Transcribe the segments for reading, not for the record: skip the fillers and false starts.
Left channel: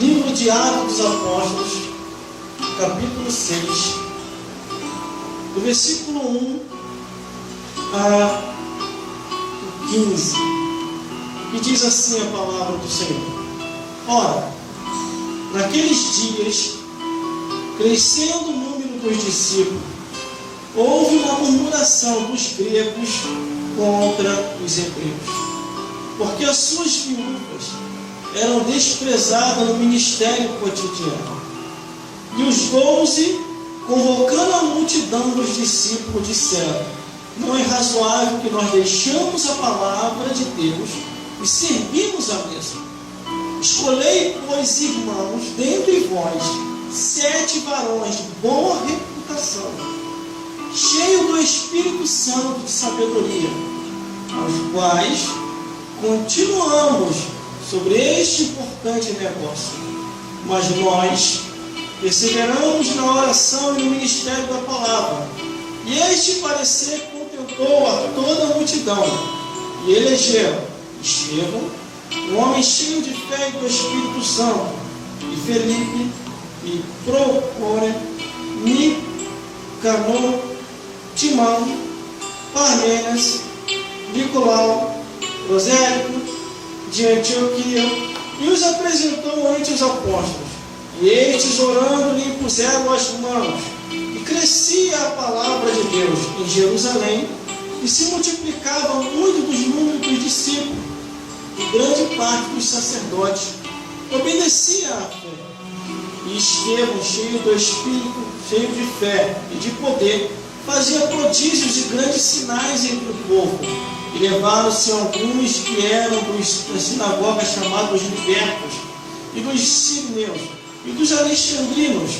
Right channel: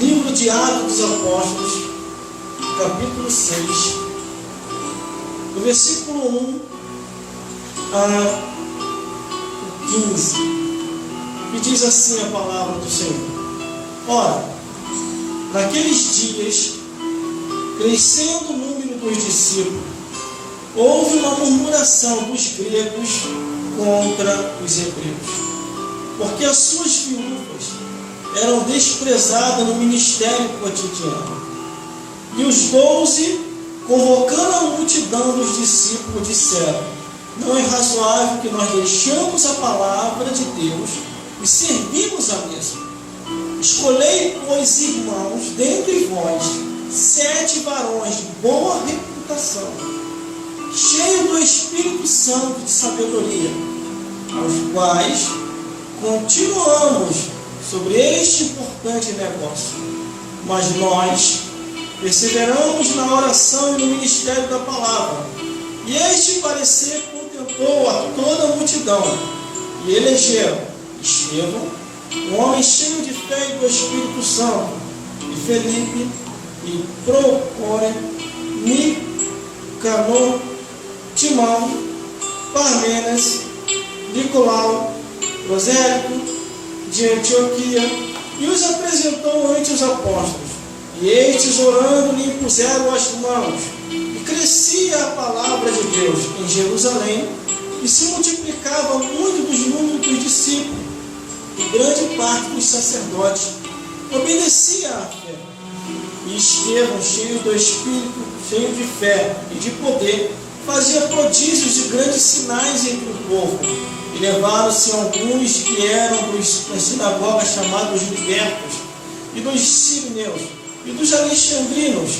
Livro de Atos dos Apóstolos, capítulo 6, do versículo 1 a 15, que diz assim a palavra do Senhor. Ora, naqueles dias, crescendo o número dos discípulos, houve uma murmuração dos gregos contra os hebreus, porque as suas viúvas eram desprezadas no ministério cotidiano. E os 12, convocando a multidão dos discípulos, disseram: não é razoável que nós deixamos a palavra de Deus e servimos a mesa. Escolhei, pois, irmãos, dentre vós 7 varões de boa reputação, cheios do Espírito Santo de sabedoria, aos quais continuamos sobre este importante negócio. Mas nós perseveramos na oração e no ministério da palavra. E este parecer contentou a toda a multidão. E elegeram Estevão, um homem cheio de fé e do Espírito Santo, e Felipe, e Procóre, Nicanor, Timão, Parmenas, Nicolau, Prosélito, de Antioquia, e os apresentou ante os apóstolos. E estes, orando, lhe impuseram as mãos. E crescia a palavra de Deus em Jerusalém, e se multiplicava muito dos números dos discípulos, e grande parte dos sacerdotes obedecia à fé. E Estevão, cheio do Espírito, cheio de fé e de poder, fazia prodígios e grandes sinais entre o povo. E levaram-se alguns que eram das sinagogas chamados libertos, e dos sirineus, e dos alexandrinos,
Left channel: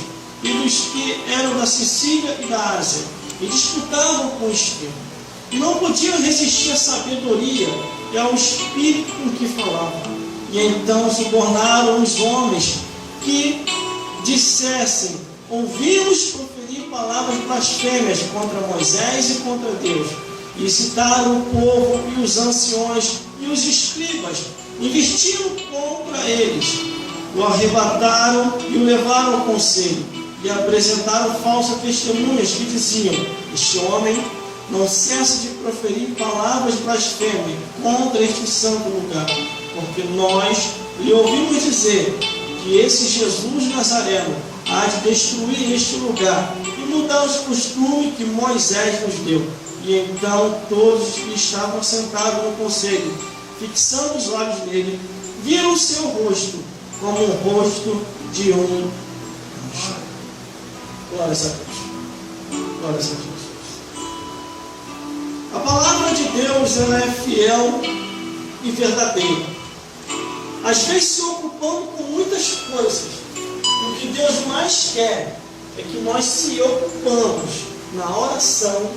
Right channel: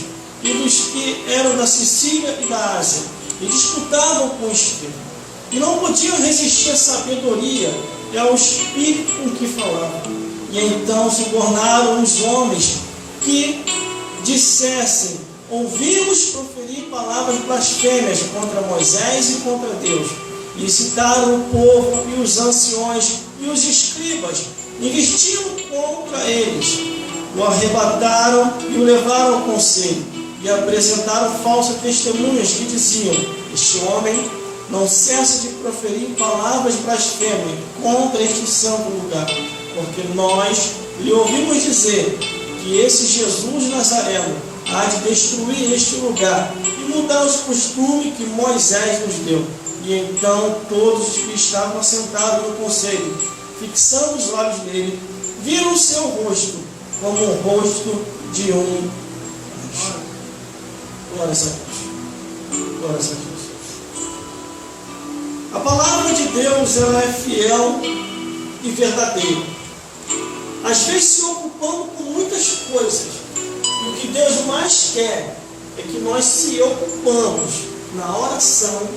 e dos que eram da Sicília e da Ásia, e disputavam com Estevão. E não podiam resistir à sabedoria e ao espírito com que falavam. E então subornaram os homens que dissessem: ouvimos proferir palavras blasfêmias contra Moisés e contra Deus. E citaram o povo e os anciões e os escribas, e investiram contra eles. O arrebataram e o levaram ao conselho, e apresentaram falsas testemunhas que diziam: este homem não cessa de proferir palavras blasfêmias contra este santo lugar, porque nós lhe ouvimos dizer que esse Jesus Nazareno há de destruir este lugar e mudar os costumes que Moisés nos deu. E então todos que estavam sentados no conselho, fixando os olhos nele, viram o seu rosto como o rosto de um anjo. Glórias a Deus. Glórias a Deus. A palavra de Deus, ela é fiel e verdadeira. Às vezes se ocupando com muitas coisas. E o que Deus mais quer é que nós se ocupamos na oração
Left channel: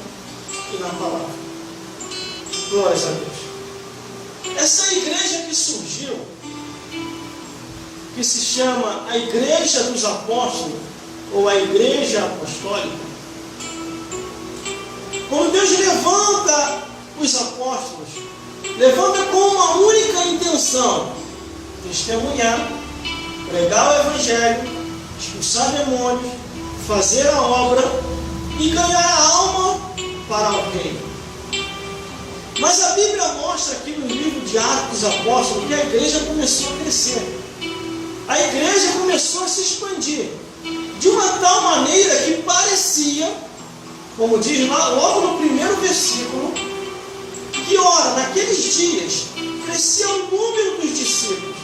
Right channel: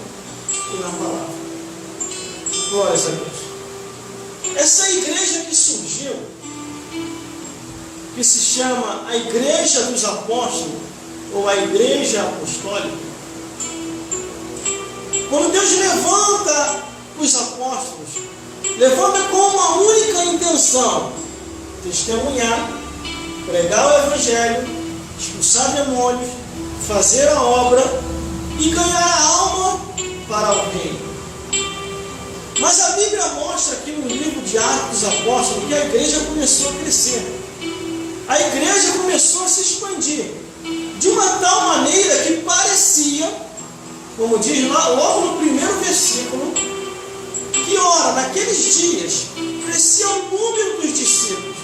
e na palavra. Glórias a Deus. Essa igreja que surgiu, que se chama a Igreja dos Apóstolos, ou a Igreja Apostólica, quando Deus levanta os apóstolos, levanta com uma única intenção: testemunhar, pregar o Evangelho, expulsar demônios, fazer a obra e ganhar a alma para o reino. Mas a Bíblia mostra aqui no livro de Atos dos Apóstolos que a igreja começou a crescer. A igreja começou a se expandir de uma tal maneira que parecia, como diz lá logo no primeiro versículo, que ora, naqueles dias, crescia o número dos discípulos.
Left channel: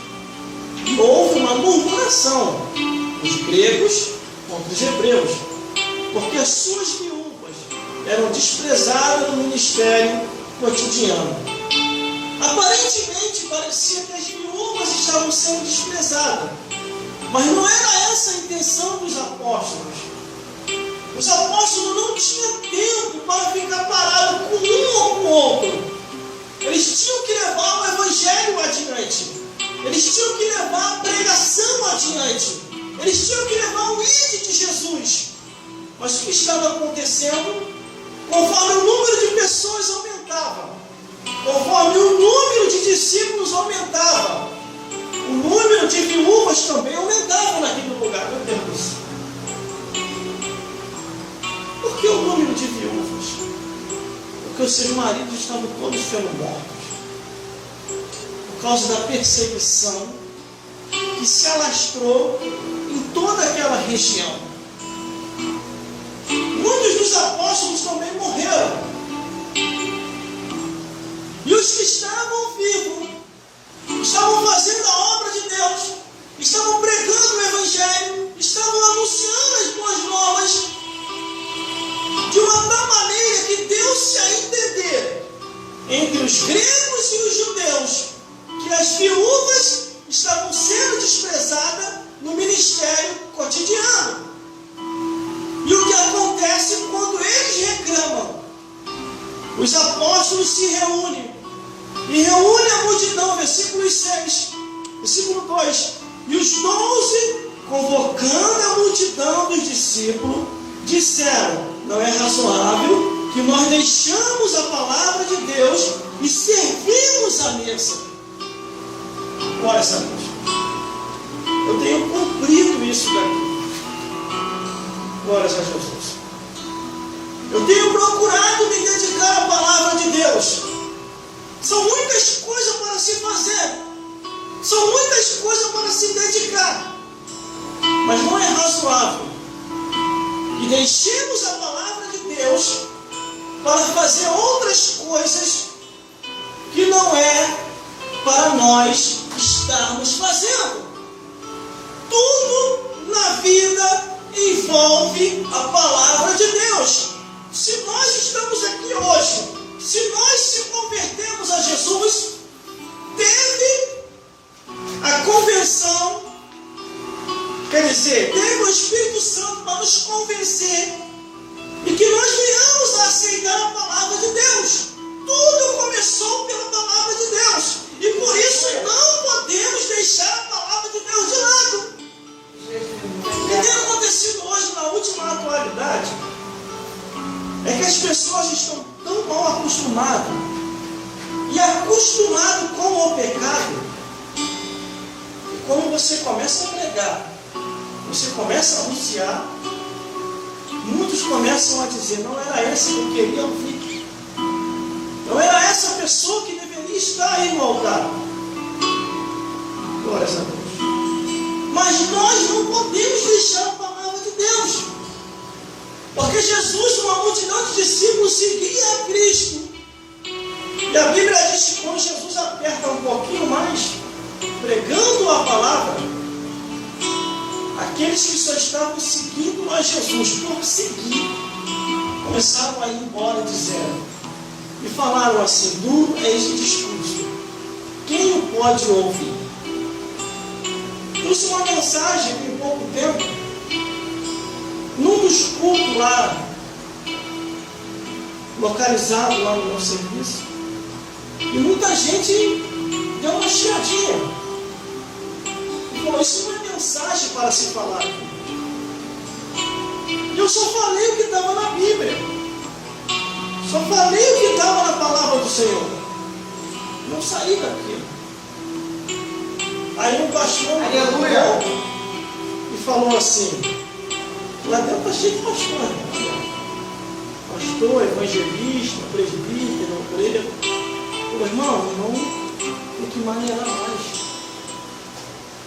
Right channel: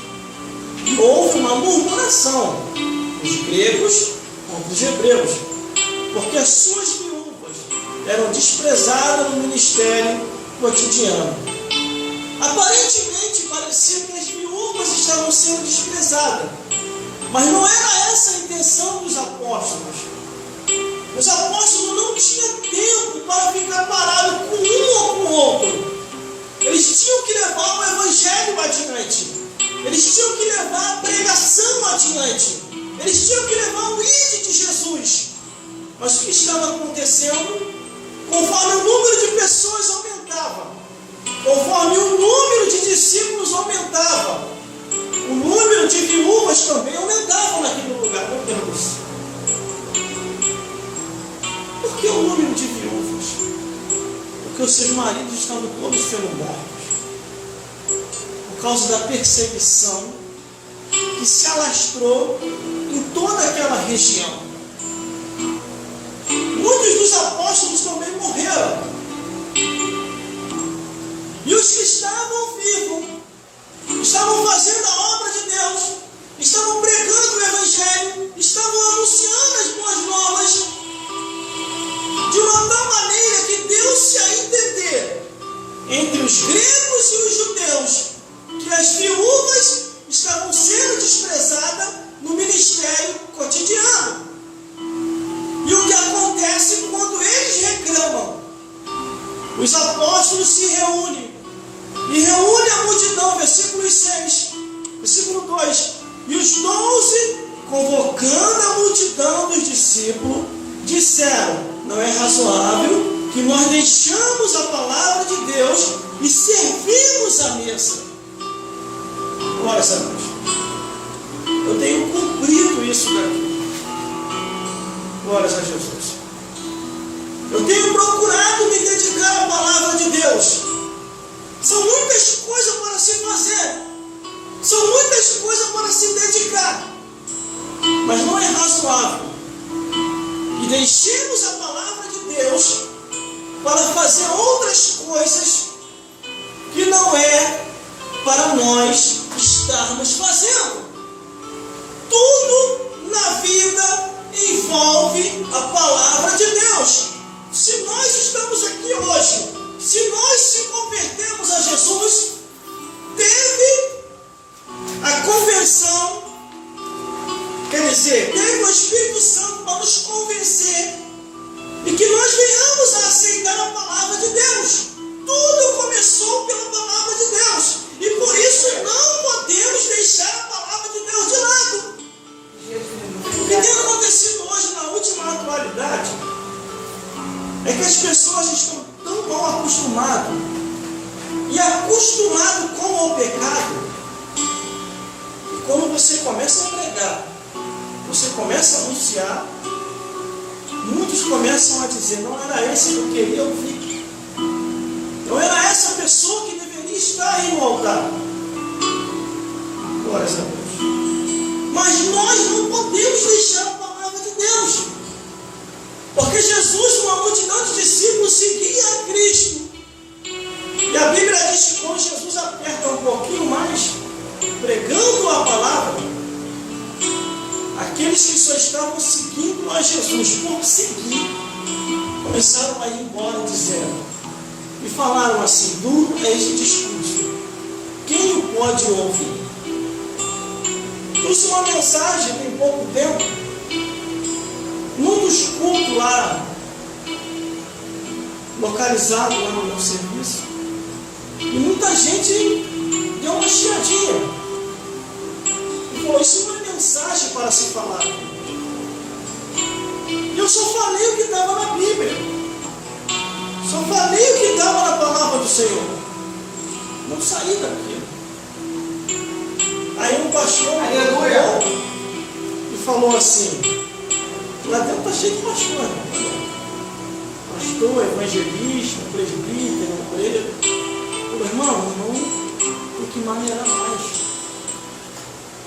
E houve uma murmuração dos gregos contra os hebreus, porque as suas viúvas eram desprezadas no ministério cotidiano. Aparentemente parecia que as viúvas estavam sendo desprezadas, mas não era essa a intenção dos apóstolos. Os apóstolos não tinham tempo para ficar parados com um ou com o outro. Eles tinham que levar o Evangelho adiante. Eles tinham que levar a pregação adiante. Eles tinham que levar o ID de Jesus. Mas o que estava acontecendo? Conforme o número de pessoas aumentava, conforme o número de discípulos aumentava, o número de viúvas voz também aumentavam naquele lugar. Meu Deus, por que o número de viúvas? Porque os seus maridos estavam todos sendo mortos, por causa da perseguição que se alastrou em toda aquela região. Muitos dos apóstolos também morreram. E os que estavam vivos, estavam fazendo a obra de Deus, estavam pregando o Evangelho, estavam anunciando as boas novas, de uma tal maneira que deu-se a entender entre os gregos e os judeus que as viúvas estavam sendo desprezadas no ministério cotidiano. E o que acontece quando eles reclamam? Os apóstolos se reúnem, e reúnem a multidão, versículo 6, versículo 2, e os 12, convocando a multidão dos discípulos, disseram: não é razoável que nós deixamos a palavra de Deus e servimos a mesa. Glória a Deus. Eu tenho cumprido isso daqui. Glória a Jesus. Eu tenho procurado me dedicar à palavra de Deus. São muitas coisas para se fazer, são muitas coisas para se dedicar, mas não é razoável que deixemos a palavra de Deus para fazer outras coisas que não é para nós estarmos fazendo. Tudo na vida envolve a palavra de Deus. Se nós estamos aqui hoje, se nós se convertemos a Jesus, teve a convenção, quer dizer, teve o Espírito Santo para nos convencer e que nós venhamos a aceitar a palavra de Deus. Tudo começou pela palavra de Deus, e por isso não podemos deixar a palavra de Deus de lado. O que tem acontecido hoje na última atualidade é que as pessoas estão tão mal acostumadas e acostumadas com o pecado, e quando você começa a pregar, você começa a anunciar, muitos começam a dizer: não era esse que eu queria ouvir, não era essa pessoa que deveria estar aí no altar. Glória a Deus. Mas nós não podemos deixar a palavra de Deus, porque Jesus, uma multidão de discípulos, seguia a Cristo. E a Bíblia diz que quando Jesus aperta um pouquinho mais, pregando a palavra, aqueles que só estavam seguindo a Jesus por seguir, começaram a ir embora dizendo, e falaram assim: duro é esse discurso, quem o pode ouvir? Trouxe uma mensagem tem pouco tempo, num dos cultos lá, localizado lá no meu serviço, e muita gente deu uma chiadinha e falou: isso não é mensagem para se falar. E eu só falei o que estava na Bíblia, só falei o que estava na palavra do Senhor, não saí daquilo. Aí um pastor e falou assim: lá dentro está cheio de pastor, pastor, evangelista, presbítero, obreiro. O irmão tem que maneirar mais.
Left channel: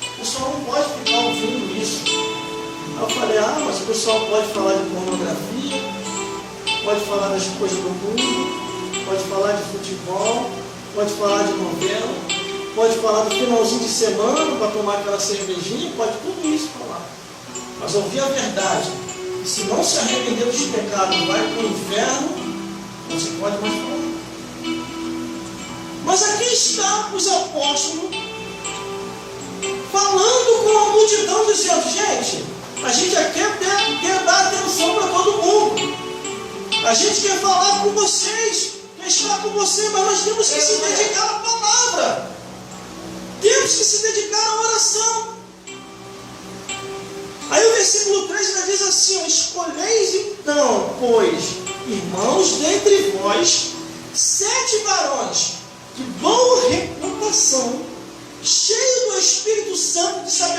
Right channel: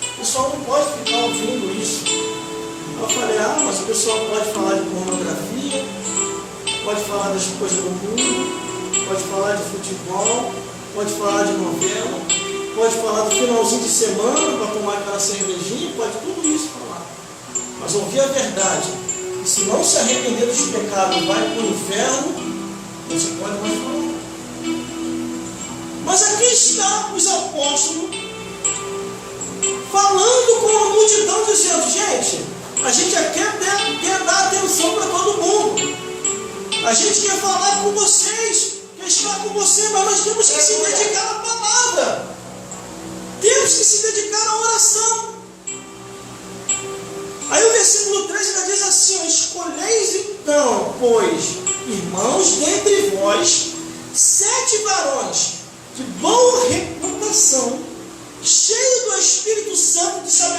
O pessoal não pode ficar ouvindo isso. Aí eu falei: mas o pessoal pode falar de pornografia, pode falar das coisas do mundo, pode falar de futebol, pode falar de novela, pode falar do finalzinho de semana para tomar aquela cervejinha, pode tudo isso falar. Mas ouvir a verdade, que se não se arrepender dos pecados vai para o inferno, não se pode mais falar. Mas aqui está os apóstolos falando com a multidão, dizendo: gente, a gente aqui quer dar atenção para todo mundo, a gente quer falar com vocês, quer estar com vocês, mas nós temos que se dedicar à palavra, temos que se dedicar à oração. Aí o versículo 3 ainda diz assim: escolheis então, pois, irmãos, dentre vós 7 varões de boa reputação, cheios do Espírito Santo de sabedoria